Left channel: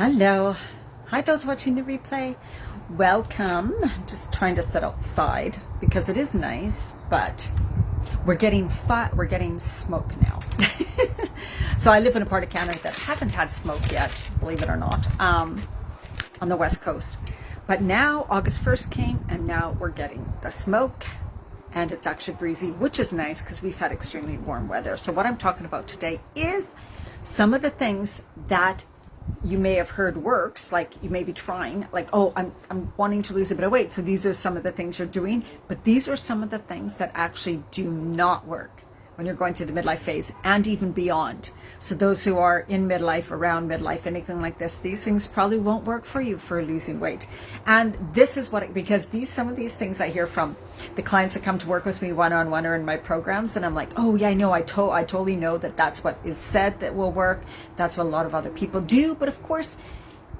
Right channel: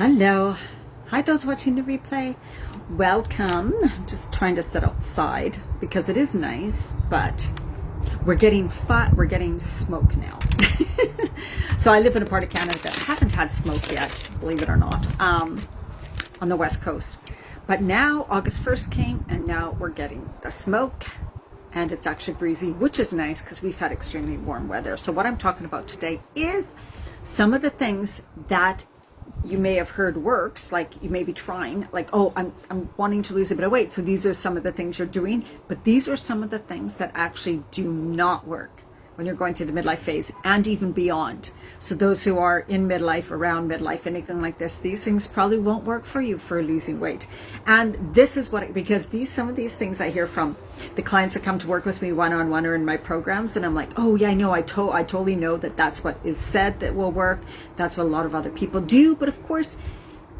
Hello. Hi, those watching the replay. Welcome. I'm just trying to sit outside because it is nice, but we're getting smoke now. So I live in a part of Canada that hasn't had smoke yet, believe it or not, on the West Coast. But now August 1st came and now we're getting the smoke, and it's actually breezy, which is nice because we've had extremely warm weather. So what I'm talking about today is some of the things that you may have heard works, like you may be trying, like, oh, I'm wanting to lose a bit of weight. So these are some of the things you're doing, but these are some of the things that actually do not work when you're going through the midlife phase and even beyond. So those who are in midlife, around midlife, anything like this, these things probably won't work for you for losing weight. And this is because some of these things I hear from the clients that come to work with me one-on-one or in my programs, and I'm like, oh yeah, I know, I totally know that's what is said that will work. That's what a lot of other people do. But of course,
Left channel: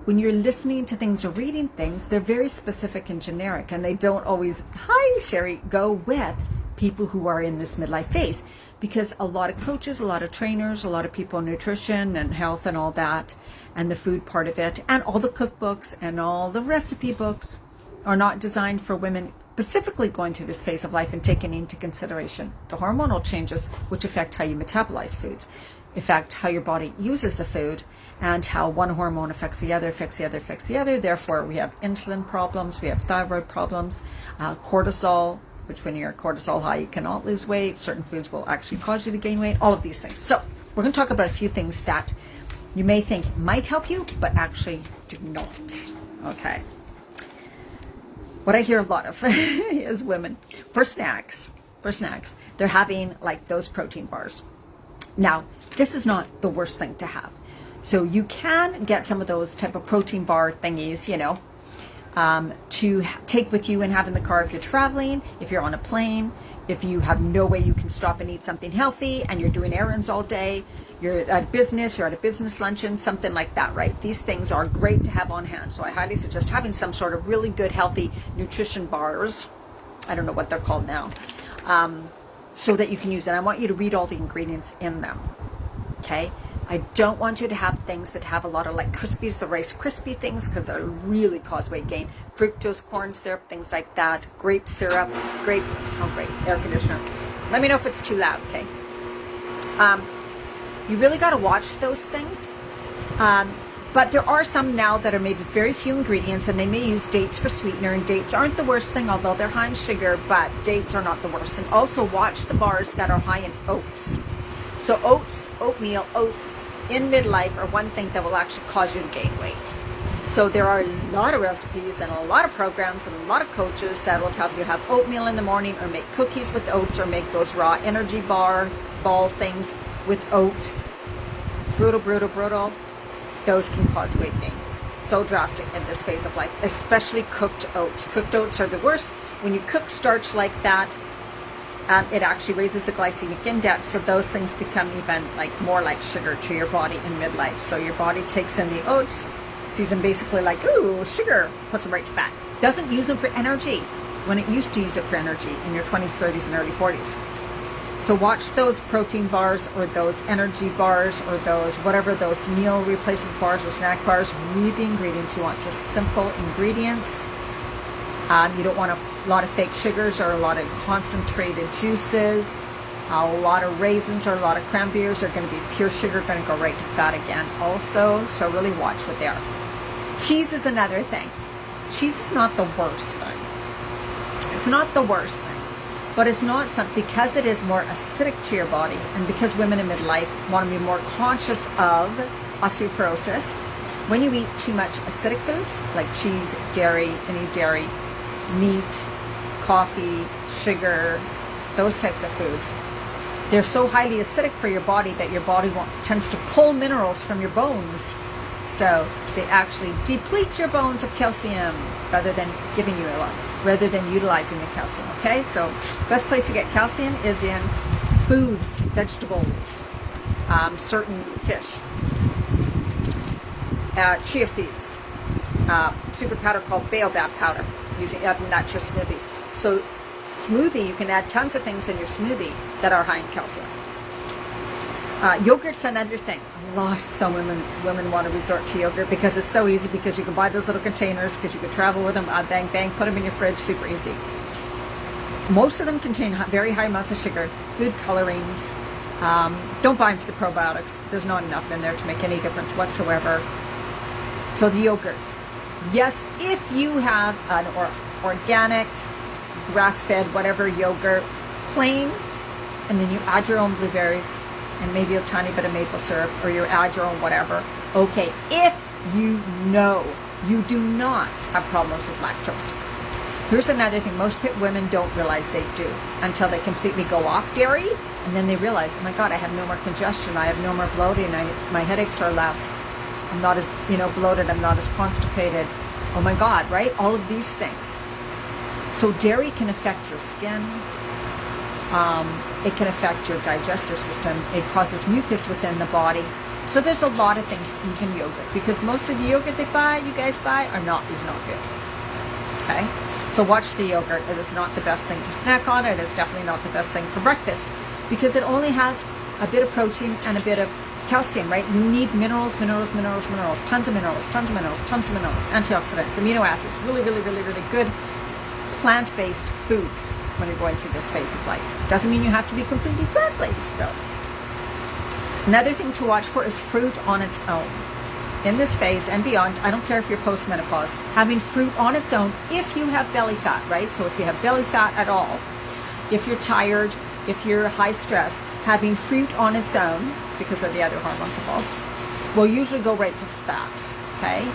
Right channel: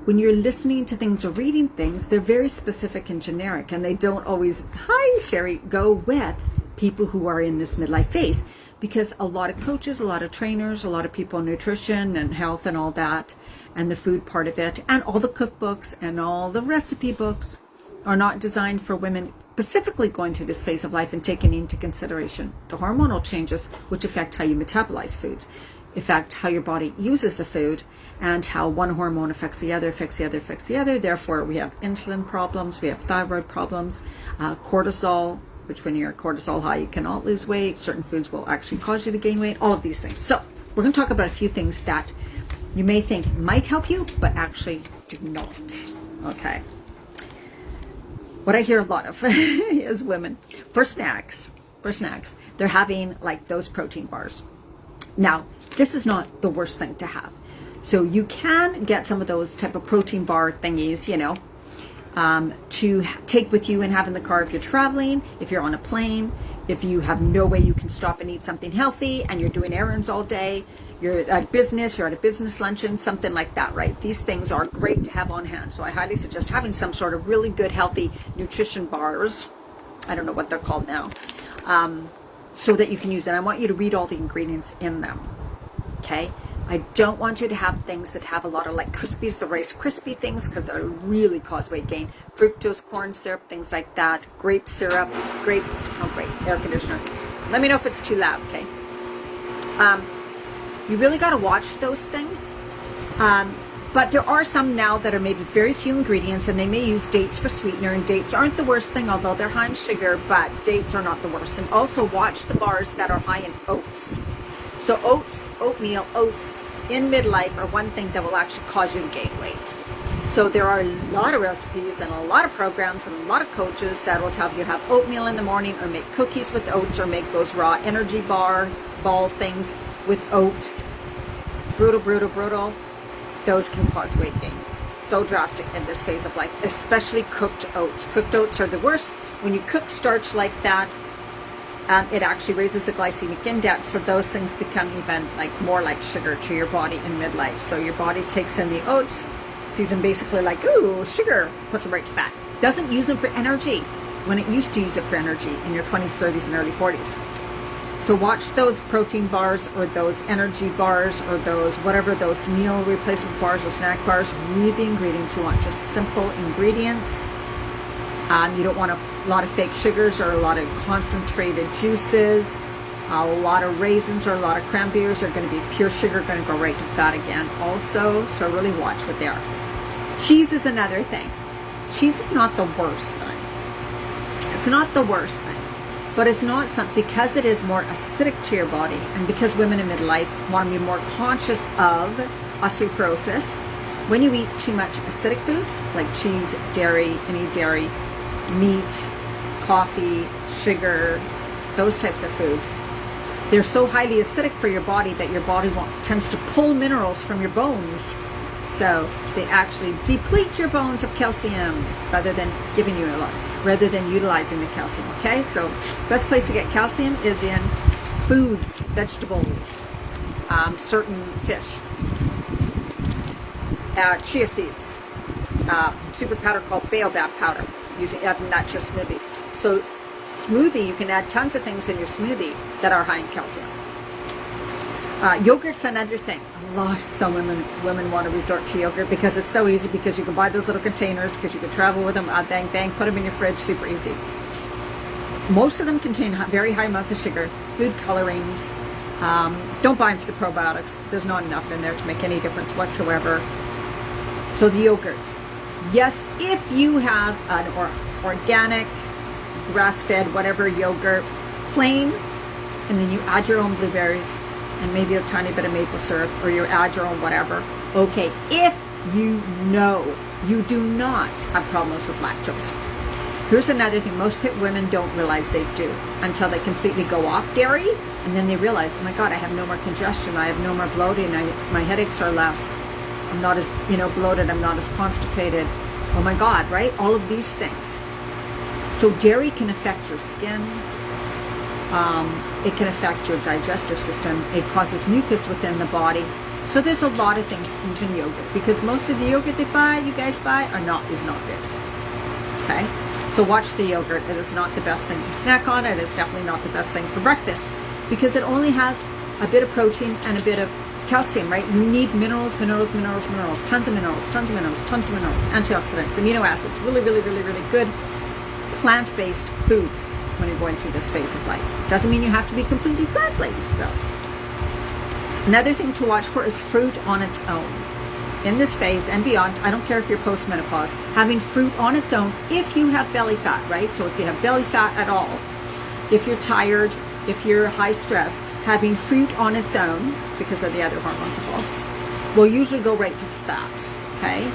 when you're listening to things or reading things, they're very specific and generic, and they don't always, hi Sherry, go with people who are in this midlife phase. Because a lot of coaches, a lot of trainers, a lot of people in nutrition and health and all that, and the food part of it, and all the cookbooks and all the recipe books are not designed for women specifically going through this phase of life and taking into consideration the hormonal changes which affect how you metabolize foods, affect how your body uses the food, and how one hormone affects the other, affects the other, affects the other. Therefore, we have insulin problems, we have thyroid problems, cortisol, which when you're cortisol high, you cannot lose weight. Certain foods will actually cause you to gain weight, all of these things. So we're going to talk about a few things that you may think might help you, but actually do not. Okay. What I hear a lot of is women, for snacks, they're having like those protein bars. Now, this is not the worst thing to have. So you can get some of those type of protein bar thingies, to take with you and have in the car if you're traveling, if you're on a plane, if you have no way you can stop and eat something healthy and you're doing errands all day, you're at a business luncheon, something like that, right? These things are great to have on hand. So I highly suggest having some sort of really good, healthy nutrition bars. I don't know what they're called now. So that you can use it. I want you to read all the ingredients in them, okay? I don't want you to have things that have a lot of like Krispies, the Rice Krispie things, because they really cause weight gain. Fructose corn syrup, things like that. Grape syrup, great, air conditioner. Let me know if it's too loud, okay? You really got to watch those things. But there are some now that are maybe very few ingredients, and they may use dates for sweetener, and dates aren't the worst thing, although they're high in sugar, but dates are not the worst. And also watch the bars that are high in oats. So oatmeal, oats in midlife are one thing that will actually cause you to gain weight. So there are a lot of recipes and a lot of programs and a lot of coaches that will tell you to have oatmeal in the morning, or make cookies with oats, or make those raw energy ball things with oats. Brutal. Those can cause weight gain. So drastic in this phase of life, especially cooked oats. Cooked oats are the worst. When you cook starch like that, it actually raises the glycemic index, so those things become even more like sugar to your body in midlife. So your body takes in the oats, sees them basically like, ooh, sugar, puts them right to fat. Doesn't use them for energy when it used to use it for energy in your 20s, 30s, and early 40s. So watch those protein bars or those energy bars or those meal replacement bars or snack bars. Read the ingredients. You want just simple ingredients. You don't want a lot of fake sugars or a lot of concentrated juices. A lot of raisins or a lot of cranberries are going to be pure sugar, going to go right to fat again also. So really watch what they are. Cheese is another thing. Cheese is not the worst thing. It's not the worst thing. But it's not something, because it is more acidic to your body, and because women in midlife want to be more conscious of osteoporosis. When you eat too much acidic foods like cheese, dairy, any dairy, meat, coffee, sugar, those types of foods, they're so highly acidic for your body that your body tends to pull minerals from your bones. So they actually deplete your bones of calcium rather than giving you a lot, rather than utilizing the calcium, okay? So best place to get calcium is in foods, vegetables, certain fish, chia seeds, super powder called baobab powder. Use it in not just smoothies. So smoothie, you can add tons of things in your smoothie that are high in calcium. Yogurt's another thing. Some women want to resort to yogurt because it's so easy, because you can buy those little containers, because you can travel with them, bang, bang, put them in your fridge, super easy. Most of them contain very high amounts of sugar, food colorings. Don't buy them for the probiotics. There's not enough in there to make any difference whatsoever. So the yogurts. Yes, if you have an organic, grass-fed, whatever yogurt, plain, and then you add your own blueberries and maybe a tiny bit of maple syrup, or you add your own whatever. Okay, if you know you do not have problems with lactose. Here's another thing most women don't realize they do until they completely go off dairy, and then they realize, oh my God, I have no more congestion, I have no more bloating, my headaches are less, I'm not as bloated, I'm not as constipated. Oh my God, right? All of these things. So dairy can affect your skin. It can affect your digestive system. It causes mucus within the body. So there's a lot of things, even yogurt, because most of the yogurt you guys buy, is not good. Okay? So watch the yogurt. It is not the best thing to snack on. It is definitely not the best thing for breakfast, because it only has a bit of protein and a bit of calcium, right? You need minerals, tons of minerals, antioxidants, amino acids, really, really, really, really good plant-based foods when you're going through this phase of life. Doesn't mean you have to be completely plant-based, though. Another thing to watch for is fruit on its own. In this phase and beyond, I don't care if you're post-menopause, having fruit on its own, if you have belly fat, right? So if you have belly fat at all, if you're tired, if you're high stress, having fruit on its own, because of the other hormones involved, will usually go right to fat, okay?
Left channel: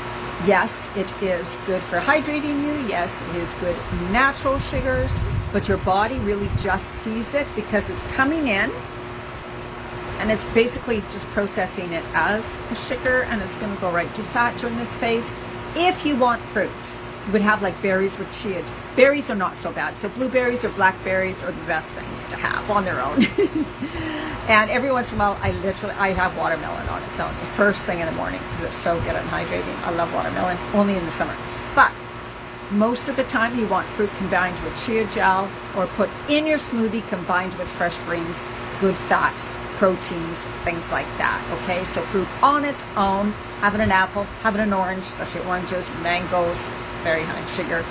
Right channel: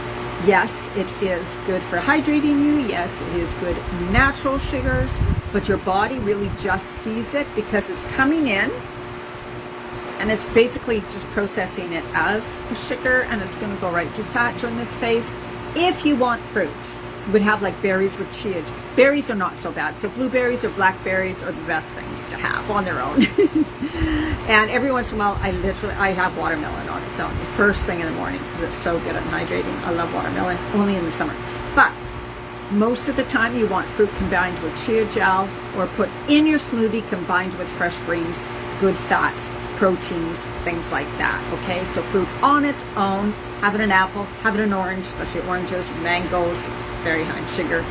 Yes, it is good for hydrating you. Yes, it is good natural sugars, but your body really just sees it because it's coming in and it's basically just processing it as a sugar, and it's going to go right to fat during this phase. If you want fruit, you would have like berries with chia. Berries are not so bad. So blueberries or blackberries are the best things to have on their own. And every once in a while, I have watermelon on its own the first thing in the morning because it's so good at hydrating. I love watermelon, only in the summer. But most of the time, you want fruit combined with chia gel, or put in your smoothie combined with fresh greens, good fats, proteins, things like that. Okay, so fruit on its own, having an apple, having an orange, especially oranges, mangoes, very high in sugar.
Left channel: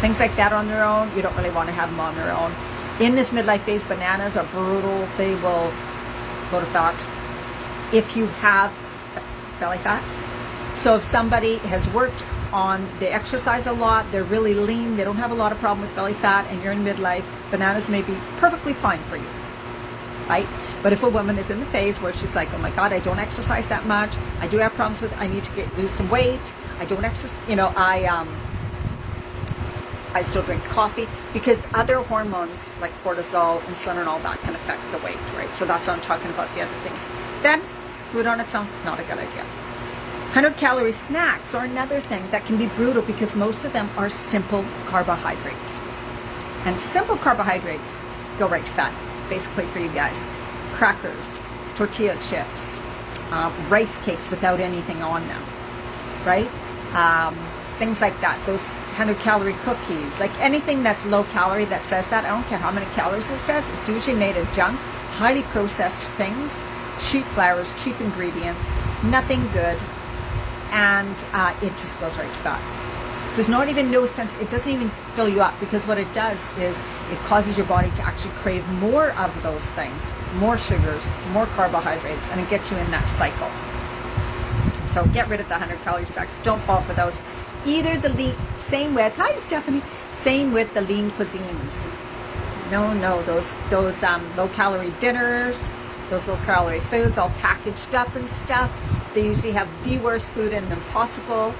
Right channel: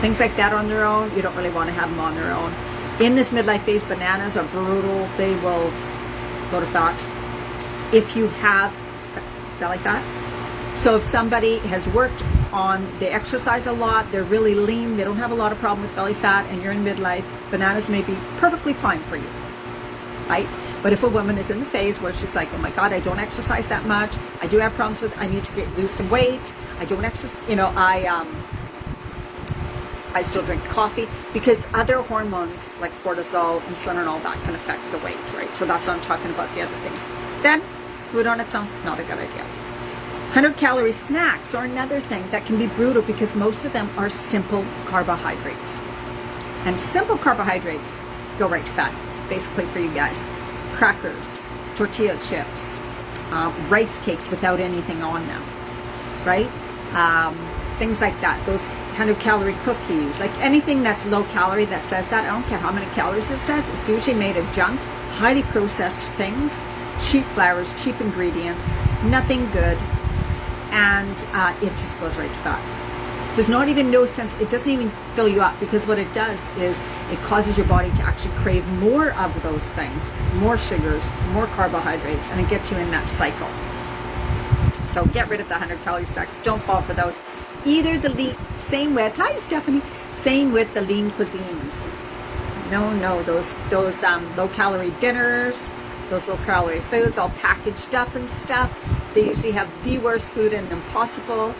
Things like that on their own, you don't really want to have them on their own. In this midlife phase, bananas are brutal. They will go to fat if you have belly fat. So if somebody has worked on, they exercise a lot, they're really lean, they don't have a lot of problem with belly fat, and you're in midlife, bananas may be perfectly fine for you, right? But if a woman is in the phase where she's like, oh my God, I don't exercise that much, I do have problems with, I need to lose some weight, I don't exercise, I still drink coffee, because other hormones like cortisol, insulin, and all that can affect the weight, right? So that's what I'm talking about, the other things. Then, food on its own, not a good idea. 100-calorie snacks are another thing that can be brutal, because most of them are simple carbohydrates. And simple carbohydrates go right to fat, basically, for you guys. Crackers, tortilla chips, rice cakes without anything on them, right? Things like that, those 100-calorie cookies, like anything that's low calorie that says that, I don't care how many calories it says, it's usually made of junk, highly processed things, cheap flours, cheap ingredients, nothing good, and it just goes right to fat. There's not even no sense, it doesn't even fill you up, because what it does is it causes your body to actually crave more of those things, more sugars, more carbohydrates, and it gets you in that cycle. So get rid of the 100-calorie snacks. Don't fall for those. Either same with the lean cuisines. No, those low-calorie dinners, those low-calorie foods all packaged up and stuff. They usually have the worst food in them possible.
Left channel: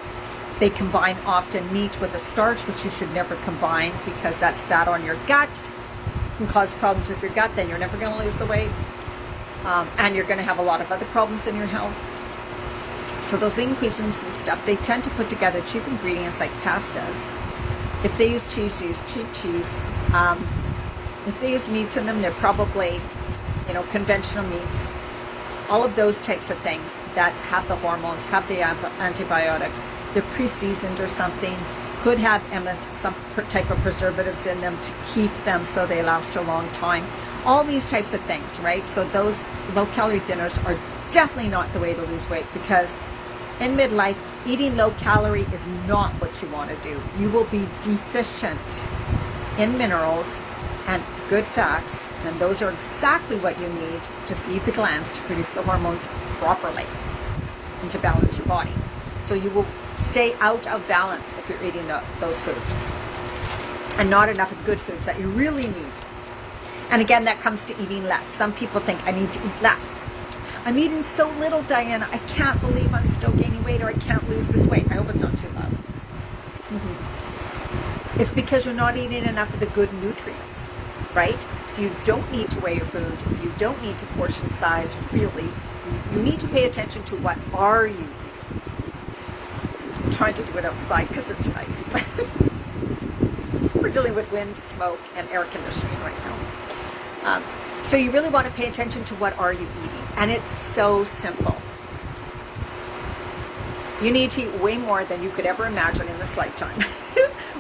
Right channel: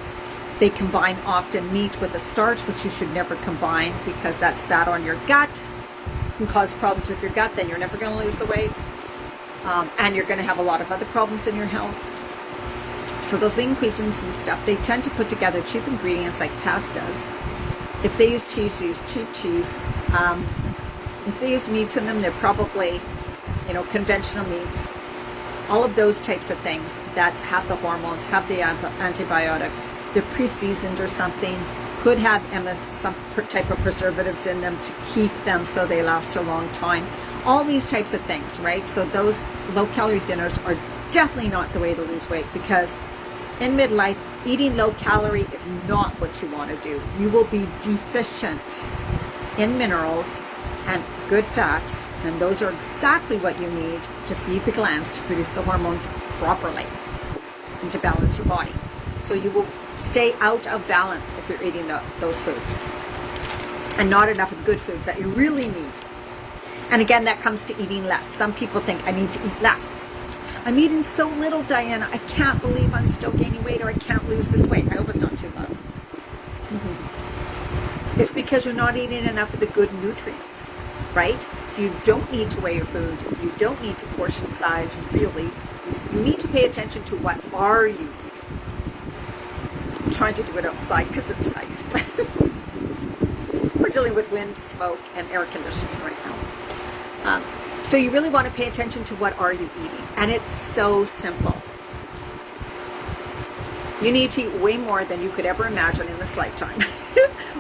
They combine often meat with a starch, which you should never combine, because that's bad on your gut. It can cause problems with your gut, then you're never going to lose the weight. And you're going to have a lot of other problems in your health. So those lean cuisines and stuff, they tend to put together cheap ingredients like pastas. If they use cheese, use cheap cheese. If they use meats in them, they're probably, conventional meats. All of those types of things that have the hormones, have the antibiotics, they're pre-seasoned or something, could have some type of preservatives in them to keep them so they last a long time. all these types of things, right? So those low-calorie dinners are definitely not the way to lose weight, because in midlife, eating low-calorie is not what you want to do. You will be deficient in minerals and good fats, and those are exactly what you need to feed the glands to produce the hormones properly and to balance your body. So you will stay out of balance if you're eating those foods and not enough of the good foods that you really need. And again, that comes to eating less. Some people think, I need to eat less. I'm eating so little, Diana. I can't believe I'm still gaining weight, or I can't lose this weight. I hope it's not too low. It's because you're not eating enough of the good nutrients, right? So you don't need to weigh your food. You don't need to portion size, really. You need to pay attention to what are you eating. I'm trying to do it outside because it's nice. We're dealing with wind, smoke, and air conditioning right now. So you really want to pay attention to what are you eating. And it's so simple. You need to eat way more than you could ever imagine in this lifetime.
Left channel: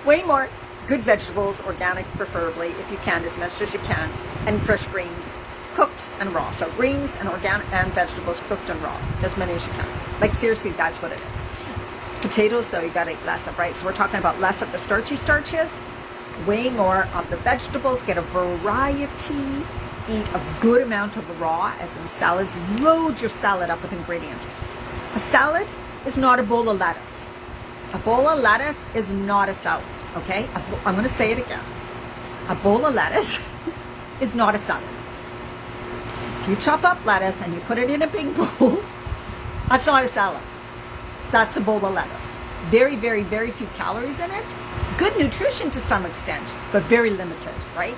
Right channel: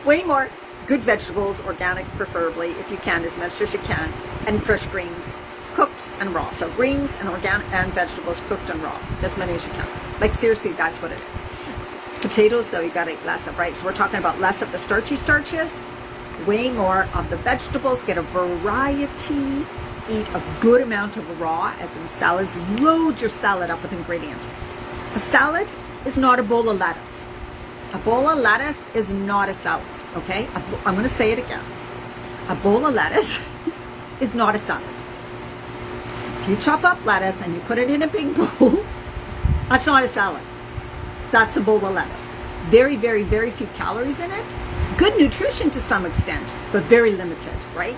Way more good vegetables, organic preferably, if you can, as much as you can, and fresh greens, cooked and raw. So greens and organic and vegetables cooked and raw, as many as you can. Like seriously, that's what it is. Potatoes, though, you got to eat less of, right? So we're talking about less of the starchy starches, way more of the vegetables, get a variety, eat a good amount of raw, as in salads. Load your salad up with ingredients. A salad is not a bowl of lettuce. A bowl of lettuce is not a salad, okay? I'm going to say it again. A bowl of lettuce is not a salad. If you chop up lettuce and you put it in a big bowl, that's not a salad. That's a bowl of lettuce. Very, very, very few calories in it. Good nutrition to some extent, but very limited, right?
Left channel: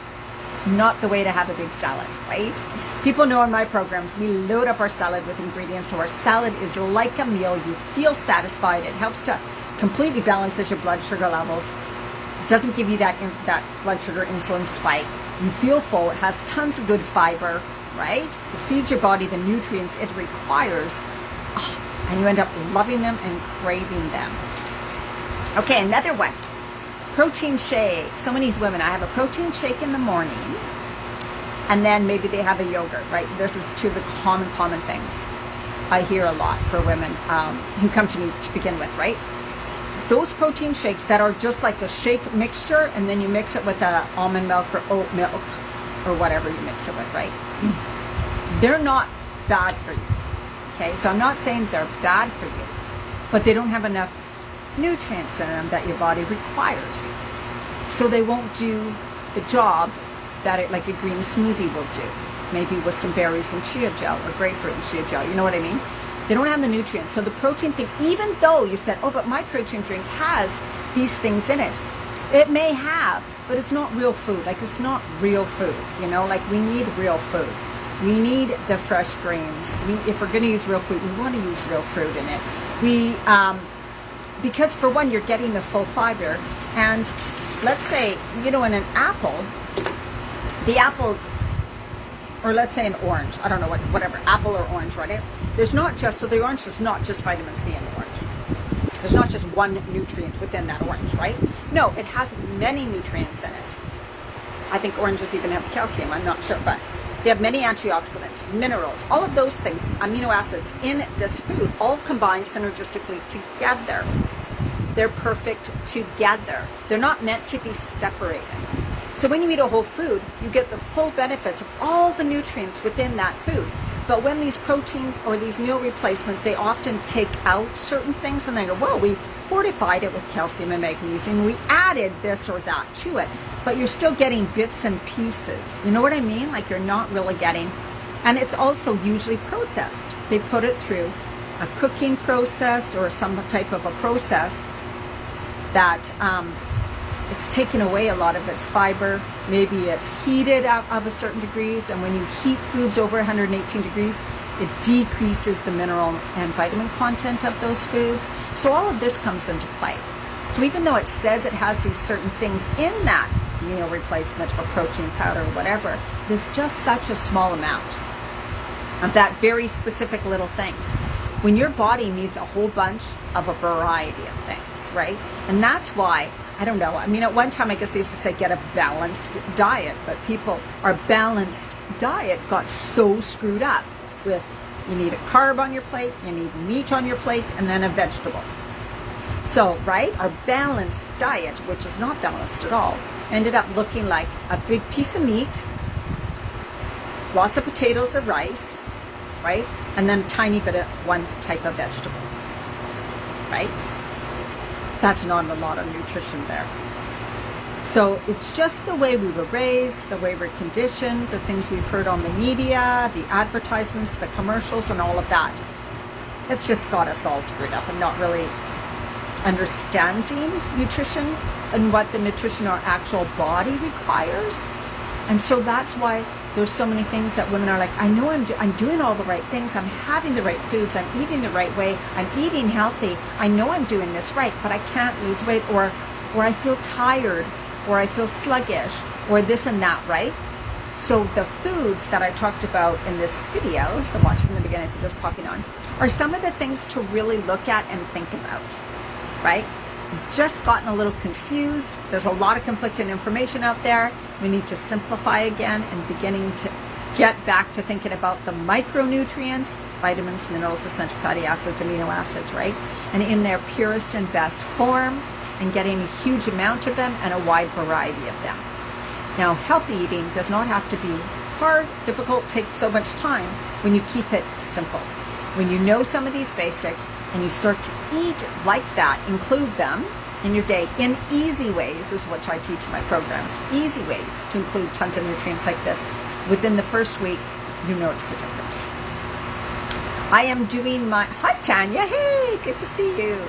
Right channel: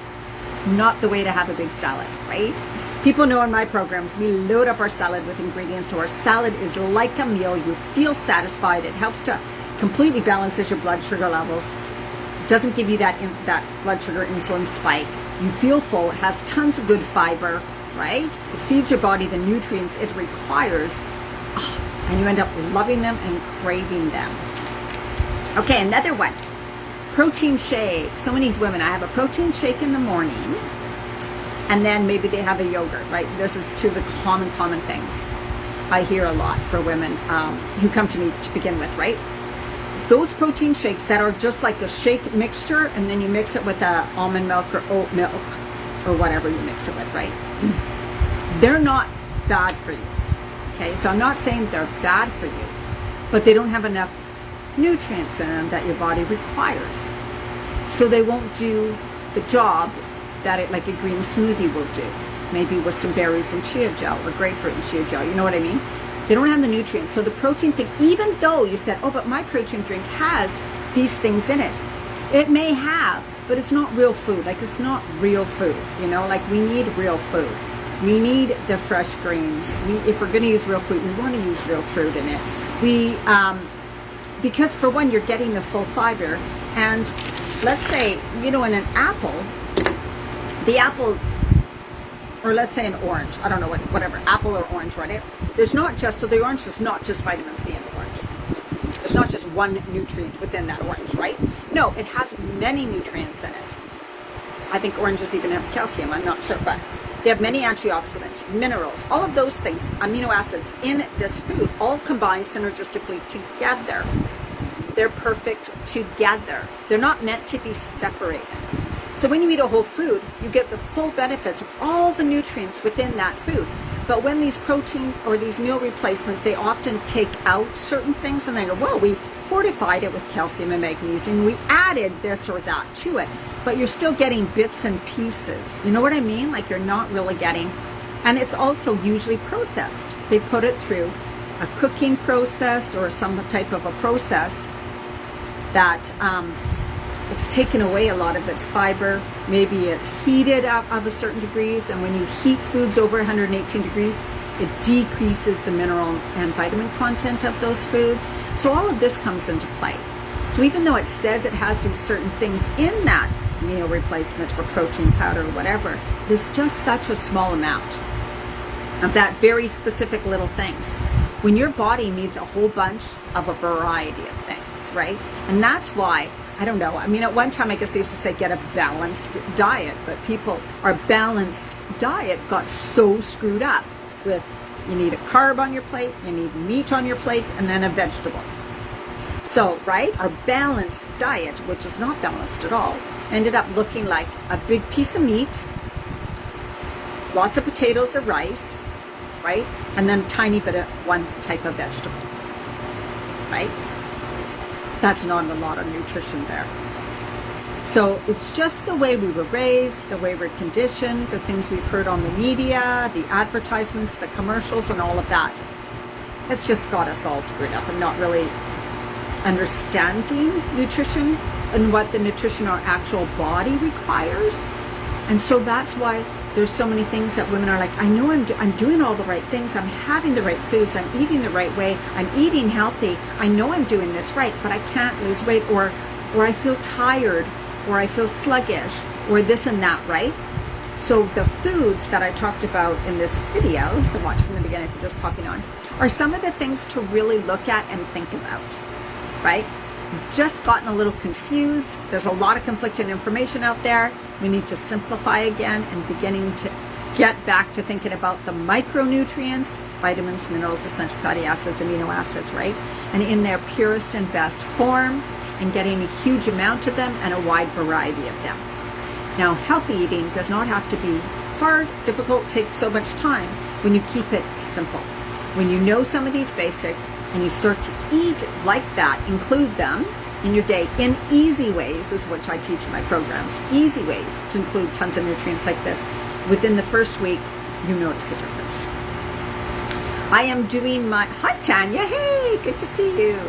Not the way to have a big salad, right? People know in my programs, we load up our salad with ingredients. So our salad is like a meal. You feel satisfied. It helps to completely balances your blood sugar levels. It doesn't give you that blood sugar insulin spike. You feel full. It has tons of good fiber, right? It feeds your body the nutrients it requires. And you end up loving them and craving them. Okay, another one. Protein shake. So many women, I have a protein shake in the morning, and then maybe they have a yogurt, right? This is two of the common things I hear a lot for women who come to me to begin with, right? Those protein shakes that are just like a shake mixture, and then you mix it with almond milk or oat milk or whatever you mix it with, right? They're not bad for you. Okay, so I'm not saying they're bad for you, but they don't have enough nutrients in them that your body requires. So they won't do the job that it, like a green smoothie will do. Maybe with some berries and chia gel, or grapefruit and chia gel, you know what I mean? They don't have the nutrients. So the protein thing, even though you said, oh, but my protein drink has these things in it. It may have, but it's not real food. Like, it's not real food, you know? Like, we need real food. We need the fresh grains. If we're going to use real fruit, we want to use real fruit in it. Because for one, you're getting the full fiber. And let's say, you know, in an apple, the apple, or let's say an orange, I don't know, whatever, apple or orange, right? There's not just, so the orange is not just vitamin C in the orange. There's not just one nutrient within that orange, right? No, it has many nutrients in it. I think oranges even have calcium, I'm not sure, but they have many antioxidants, minerals, all of those things, amino acids in this food, all combined synergistically together. They're perfect together. They're not meant to be separated. So when you eat a whole food, you get the full benefits of all the nutrients within that food. But when these protein or these meal replacement, they often take out certain things and they go, well, we fortified it with calcium and magnesium. We added this or that to it. But you're still getting bits and pieces. You know what I mean? Like, you're not really getting, and it's also usually processed. They put it through a cooking process or some type of a process that it's taken away a lot of its fiber. Maybe it's heated up of a certain degrees, and when you heat foods over 118 degrees, it decreases the mineral and vitamin content of those foods. So all of this comes into play. So even though it says it has these certain things in that meal replacement or protein powder or whatever, there's just such a small amount of that very specific little things, when your body needs a whole bunch of a variety of things, right? And that's why, I don't know, I mean, at one time I guess they used to say get a balanced diet, but people are balanced diet got so screwed up with, you need a carb on your plate, you need meat on your plate, and then a vegetable. So, right, our balanced diet, which is not balanced at all, ended up looking like a big piece of meat, lots of potatoes or rice, right? And then a tiny bit of one type of vegetable, right? That's not a lot of nutrition there. So it's just the way we were raised, the way we're conditioned, the things we've heard on the media, the advertisements, the commercials, and all of that. It's just got us all screwed up and not really understanding nutrition and what the nutrition our actual body requires. And so that's why there's so many things that women are like, I know I'm doing all the right things, I'm having the right foods, I'm eating the right way, I'm eating healthy, I know I'm doing this right, but I can't lose weight, or I feel tired, or I feel sluggish, or this and that, right? So the foods that I talked about in this video, so watch from the beginning if you're just popping on, are some of the things to really look at and think about, right? You've just gotten a little confused. There's a lot of conflicting information out there. We need to simplify again and beginning to get back to thinking about the micronutrients, vitamins, minerals, essential fatty acids, amino acids, right? And in their purest and best form, and getting a huge amount of them and a wide variety of them. Now, healthy eating does not have to be hard, difficult, take so much time when you keep it simple. When you know some of these basics and you start to eat like that, include them in your day in easy ways, is what I teach in my programs. Easy ways to include tons of nutrients like this. Within the first week, you notice the difference. I am doing my, hi Tanya, hey, good to see you.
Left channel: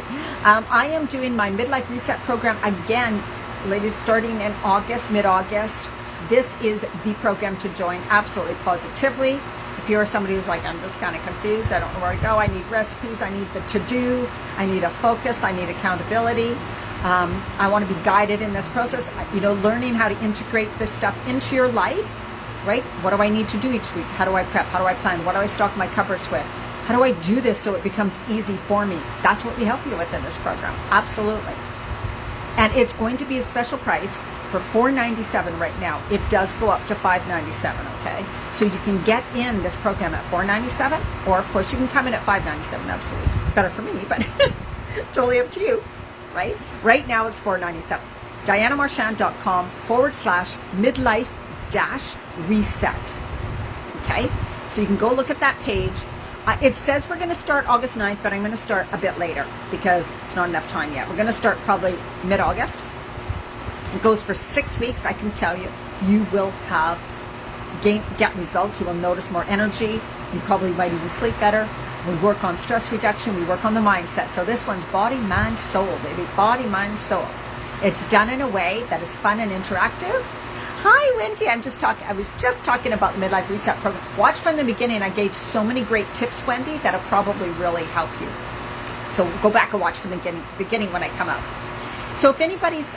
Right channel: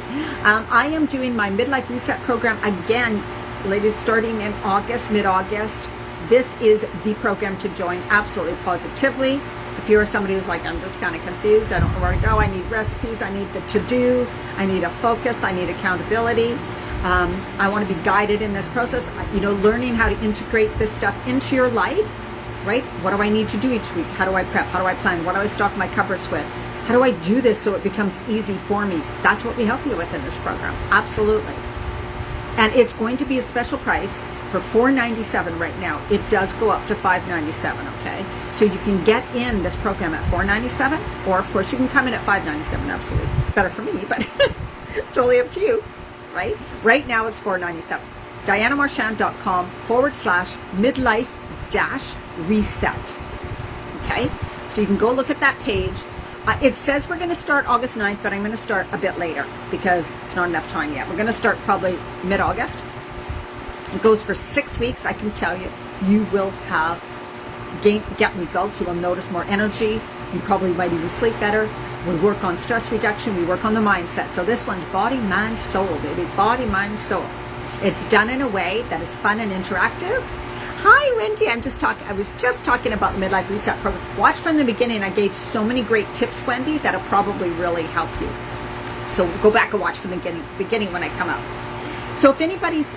I am doing my Midlife Reset program again, ladies, starting in August, mid-August. This is the program to join, absolutely positively. If you're somebody who's like, I'm just kind of confused, I don't know where to go, I need recipes, I need the to-do, I need a focus, I need accountability. I want to be guided in this process, learning how to integrate this stuff into your life, right? What do I need to do each week? How do I prep? How do I plan? What do I stock my cupboards with? How do I do this so it becomes easy for me? That's what we help you with in this program. Absolutely. And it's going to be a special price for $497 right now. It does go up to $597, okay? So you can get in this program at $497, or of course you can come in at $597, absolutely. Better for me, but totally up to you, right? Right now it's $497. DianaMarchand.com/midlife-reset. Okay? So you can go look at that page. It says we're going to start August 9th, but I'm going to start a bit later because it's not enough time yet. We're going to start probably mid-August. It goes for 6 weeks. I can tell you, you will get results. You will notice more energy. You probably might even sleep better. We work on stress reduction. We work on the mindset. So this one's body, mind, soul, baby. Body, mind, soul. It's done in a way that is fun and interactive. Hi, Wendy. I was just talking about Midlife Reset program. Watch from the beginning. I gave so many great tips, Wendy, that'll probably really help you. So go back and watch from the beginning when I come out. So if anybody's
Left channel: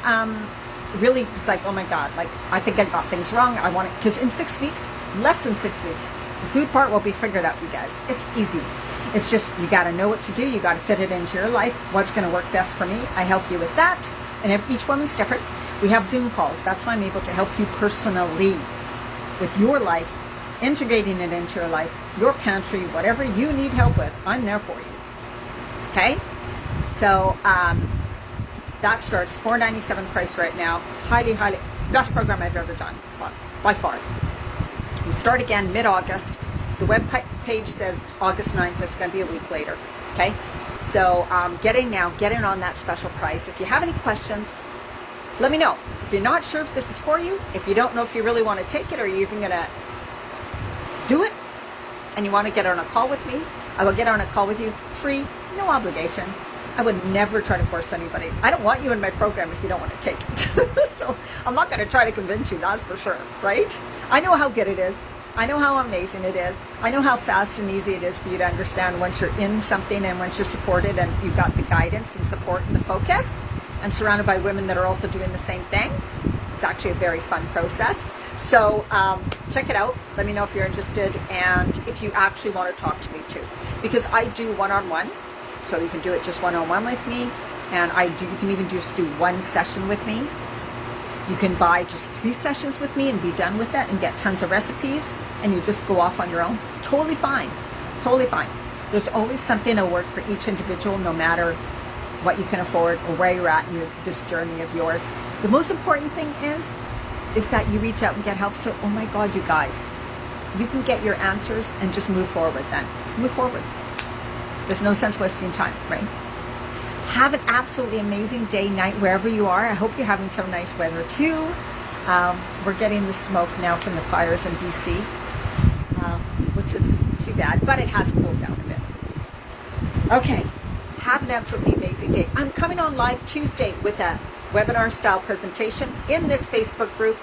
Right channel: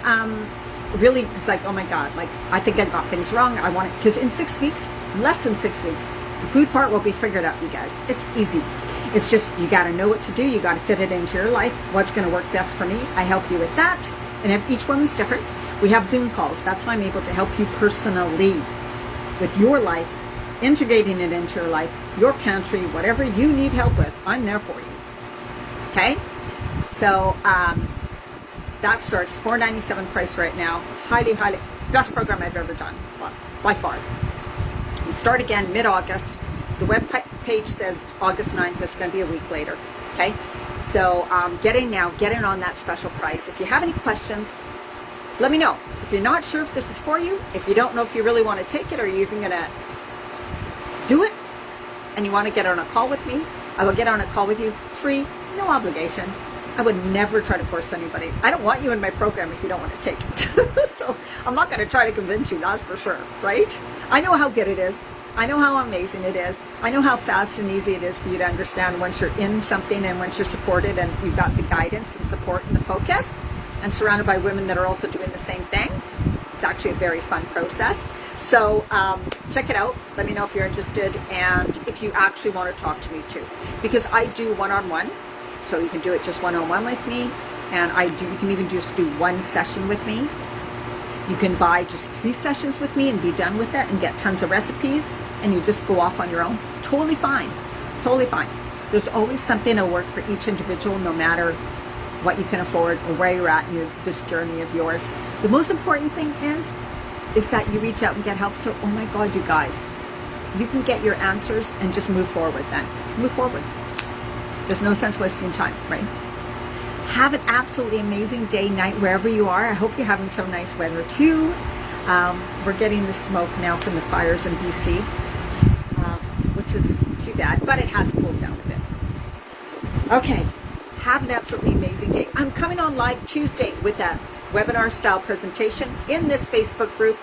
really is like, oh my God, like I think I got things wrong. I want it, because in 6 weeks, less than 6 weeks, the food part will be figured out, you guys. It's easy. It's just, you got to know what to do. You got to fit it into your life. What's going to work best for me? I help you with that. And each woman's different. We have Zoom calls. That's why I'm able to help you personally with your life, integrating it into your life, your pantry, whatever you need help with, I'm there for you. Okay? So that starts $497 price right now. Highly, highly, best program I've ever done, by far. We start again mid-August. The web page says August 9th. It's going to be a week later. Okay? So get in on that special price. If you have any questions, let me know. If you're not sure if this is for you, if you don't know if you really want to take it or you're even going to do it, and you want to get on a call with me, I will get on a call with you free, no obligation. I would never try to force anybody. I don't want you in my program if you don't want to take it. So I'm not going to try to convince you, that's for sure, right? I know how good it is. I know how amazing it is. I know how fast and easy it is for you to understand once you're in something and once you're supported and you've got the guidance and support and the focus and surrounded by women that are also doing the same thing. It's actually a very fun process. So check it out. Let me know if you're interested and if you actually want to talk to me too. Because I do one-on-one. So you can do it just one-on-one with me. And you can even just do one session with me. You can buy just 3 sessions with me and be done with it and get tons of recipes, and you just go off on your own. Totally fine. Totally fine. There's always something to work for each individual, no matter what you can afford or where you're at in this journey of yours. The most important thing is that you reach out and get help. So, oh my God, you guys, you can get your answers and just move forward then. Move forward. There's no sense wasting time, right? Have an absolutely amazing day, night, wherever you are. I hope you're having some nice weather too. We're getting the smoke now from the fires in BC, which is too bad, but it has cooled down a bit. Okay, have an absolutely amazing day. I'm coming on live Tuesday with a webinar style presentation in this Facebook group,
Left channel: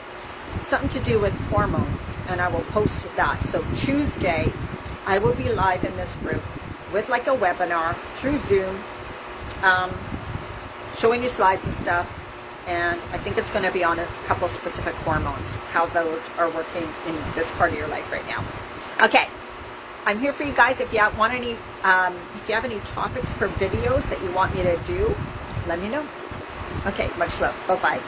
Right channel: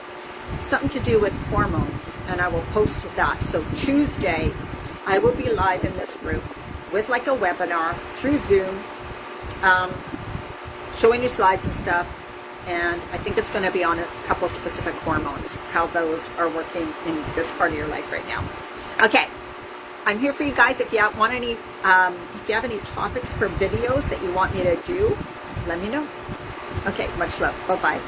something to do with hormones, and I will post that. So Tuesday, I will be live in this group with like a webinar through Zoom, showing you slides and stuff, and I think it's going to be on a couple specific hormones, how those are working in this part of your life right now. Okay, I'm here for you guys. If you want any, if you have any topics for videos that you want me to do, let me know. Okay, much love. Bye-bye.